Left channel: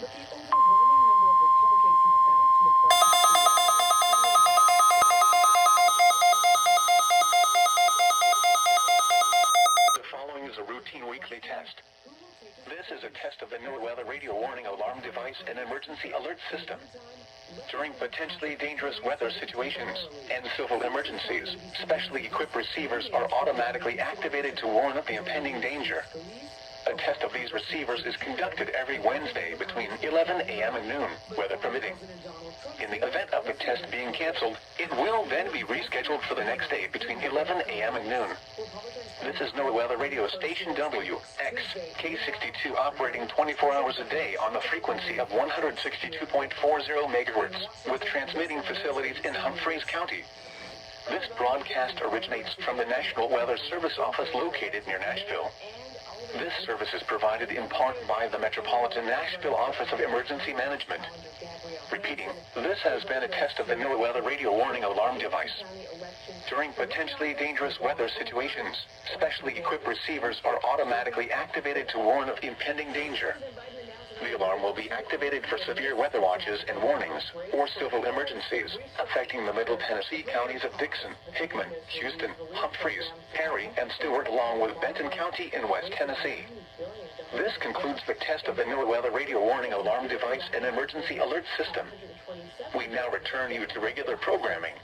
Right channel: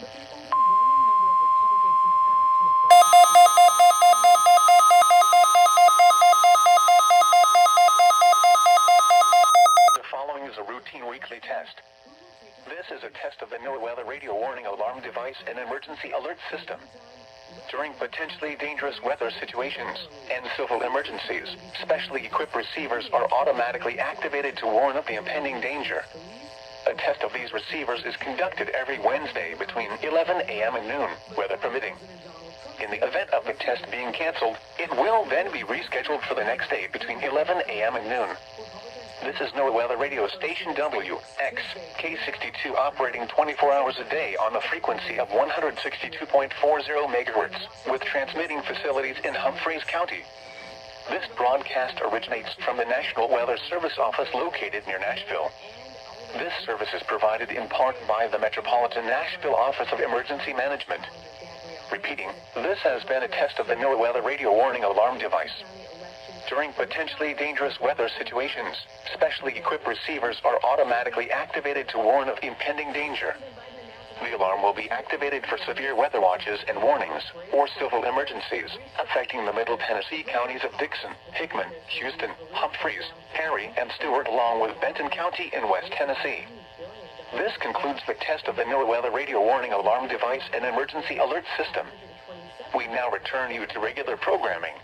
But the overwhelming number of Republicans who backed McCarthy's The following is a routine weekly test. This is a test of the NOAA weather radio warning alarm device and emergency alert system. During potentially dangerous weather situations and civil emergencies, specially equipped receivers are automatically activated to warn of the impending danger. A test of these receivers is conducted every Wednesday between 11 a.m. and noon, weather permitting. In the event of the test being canceled, it will then be rescheduled for the next day between 11 a.m. and noon. This is NOAA Weather Radio Station WX, K62 operating 24 hours a day on the frequency of 162.40 megahertz, with transmitting facilities in Humphreys County. This broadcast originates from the National Weather Service office located near Nashville. This service is provided in part by the Metropolitan Nashville Office of Emergency Management. Repeating, this has been a test of the NOAA Weather Radio Warning Alarm device. During potentially dangerous weather situations, specially equipped receivers are automatically activated to warn of impending danger. The alarm will be activated for severe weather watches and warnings, or civil emergencies, affecting the Middle Tennessee counties of Dixon, Hickman, Houston, Humphreys, Perry, and Stewart, along with Benton County in West Tennessee. This concludes the test of the NOAA Weather Radio Warning Alarm device and emergency alert system. We now return you to regular programming.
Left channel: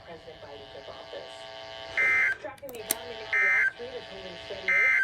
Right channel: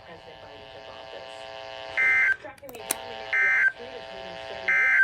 Tracking the economy last week, attending study